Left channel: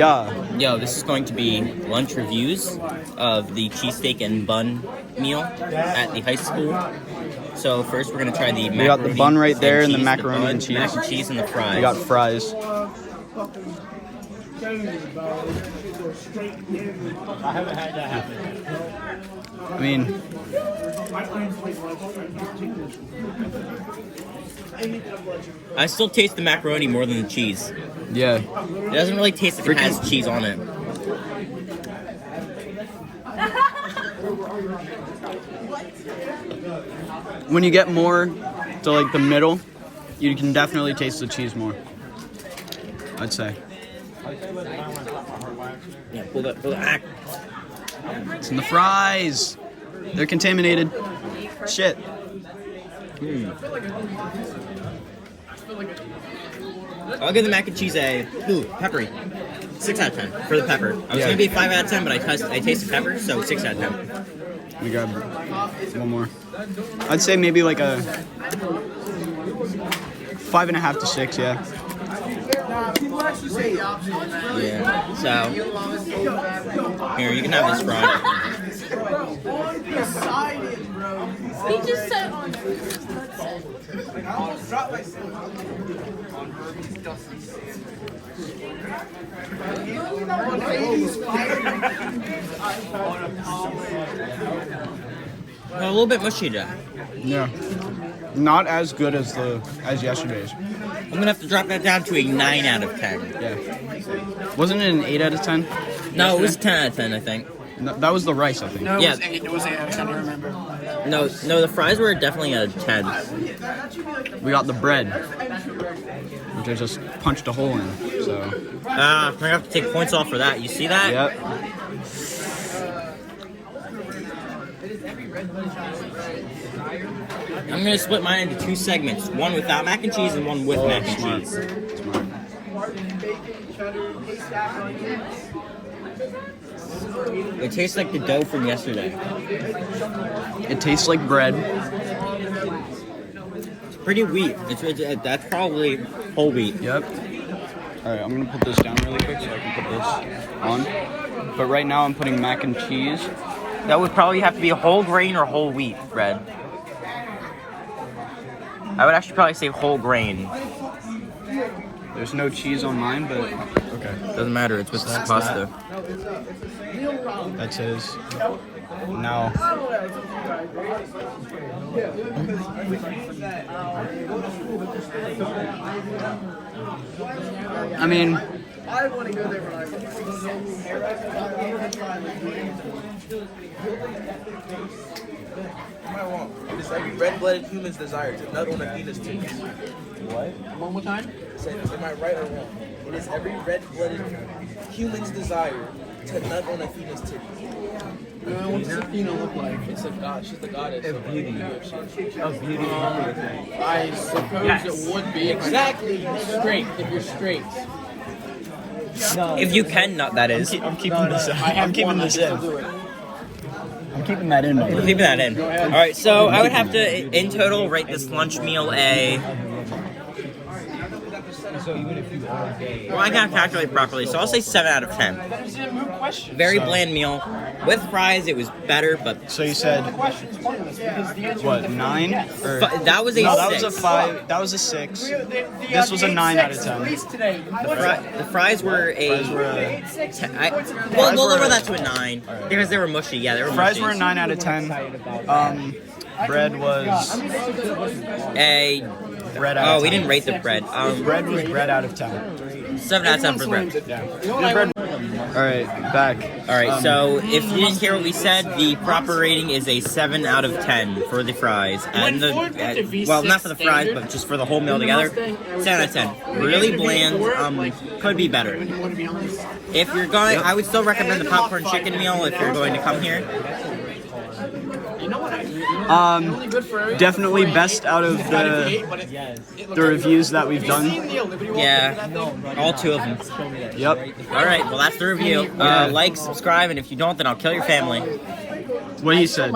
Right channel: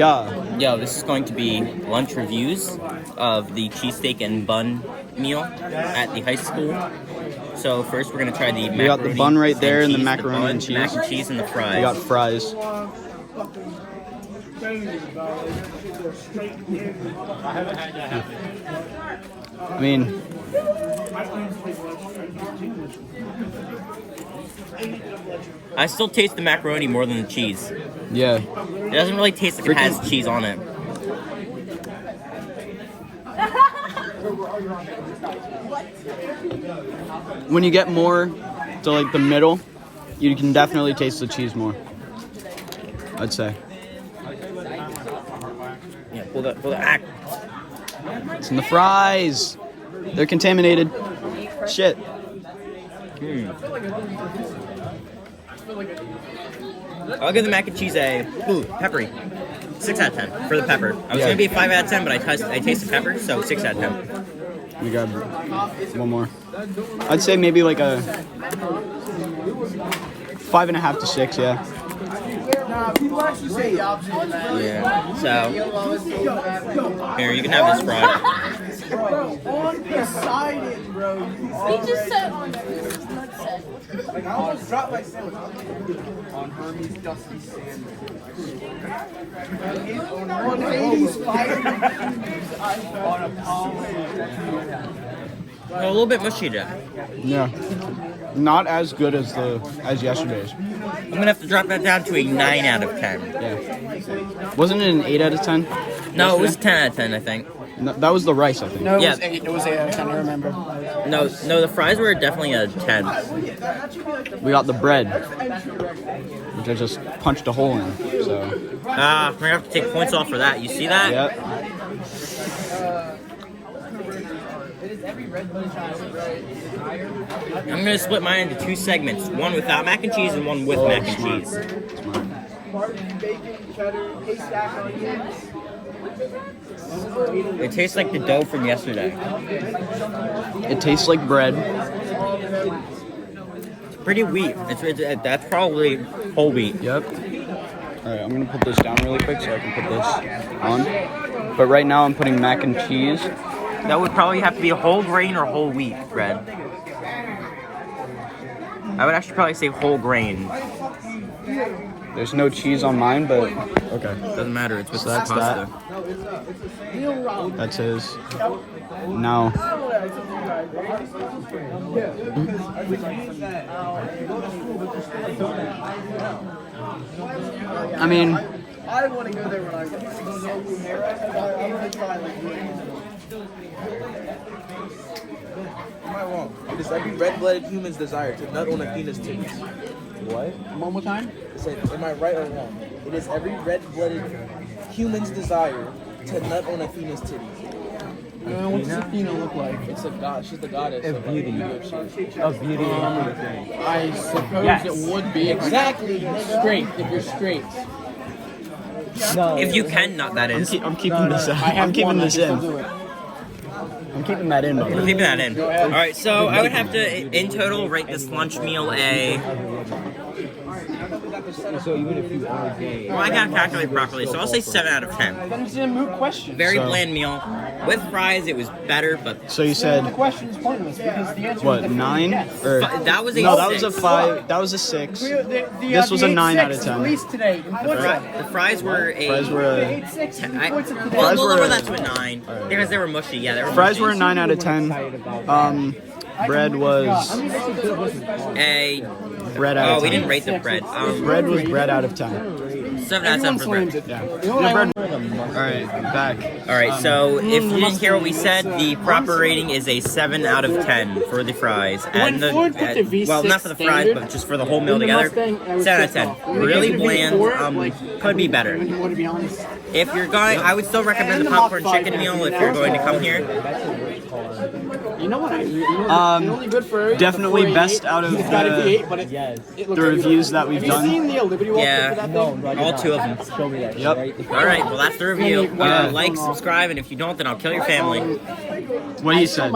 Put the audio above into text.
Yeah. Yo, this is going to be lunch reviews of the cheesesteak and bun meal at the high school. So first we're gonna try the macaroni. We got the bun right there and the cheese, macaroni and cheese. Mac and cheese and the fries. We got fries. I mean, I still taste the macaroni more than the cheese. yeah. It doesn't really taste like it has cheese on it. When you get more to like the middle, you can definitely taste the cheese more. I'd say. Yeah, pull that. It's in the fries. They're contaminated. Shit. I'll give the mac and cheese a peppery. 6 out of 10 for the pepper. I was gonna be 5 out of 10, but I tasted pepper, so 6 out of 10. We got one more. I'd say maybe like a 5.5 to 6. Yeah. Yeah. So here, you can have this fry. He just said A little bit mushy though. Yeah. Not as good as yesterday's. I'm gonna have to drop that down to a 9 out of 10. Yeah. Wasn't it an 8 out of 10? No, it was 10 out of 10, I think. No, that was the rice, I think. No, Yeah. it was 8 out of 10, I remember. No, the fries were definitely a 10. We got the bread, which I just punched a hole in. So. We're gonna have to take points off for that. You see that? Yep. I'm gonna split mine into 2 segments. One without mac and cheese and one with mac and smart. cheese. It tastes like the dough from yesterday. It tastes like bread. It's pretty wheat. That's probably whole wheat. Yep. All right, I'm gonna put this down really quick so I can put this on. But right now I'm putting mac and cheese. That would probably have to be a whole grain or whole wheat bread. I would actually probably say whole grain. There's no cheese on mine, but okay. Doesn't matter. It's with that's pasta. That's his. Now. I mean, Am I wrong? It is every red-blooded human's desire to nut on a penis titty. what? One more time? I said, am I right or wrong? It is every red-blooded human's desire to nut on a penis titty. What does Athena look like? It's a god. She's the goddess Of beauty. of beauty. I suppose it would be. Exactly. Straight, if you're straight. If you can nut, that is. I'm keeping this. I'm keeping this in. I'm keeping that in. Mother. Leave that in. All right, so I would have to, in total, rate this lunch meal a. Well, I gotta calculate properly, so I'll say 7 out of 10. It's a moot question. Very bland meal. With fries, it was better, but So you said Question's pointless because the answer what? 9? Or that was a no? 6. That was a 5. That was a 6. The This was a 9 out of 8-6 10. at least today. The fries were a. Fries were a, We'll were lower a- that to a 9 because they were mushy. Yeah, they were fries mushy. were a 9 out of 10. Bread was A. bread out of 10. Oh, we didn't rate the bread. Bread was bread out of 10. 7 out of 10 for bread. Yeah. Your bread. All right, back. All right, so if you didn't hear what we said, the proper rating is a 7 out of 10 for the fries and the well, not for the fries, but just for the whole meal together. 7 out of 10. Really bland. Could be better. If you're going, I would still recommend the popcorn chicken meal if you're going to come here. Definitely best out of the reviews that we've done. Yeah, all 2 of them. Yep. All right, well that's the review. Like, subscribe, and if you don't, then I'll kill your family. What he said.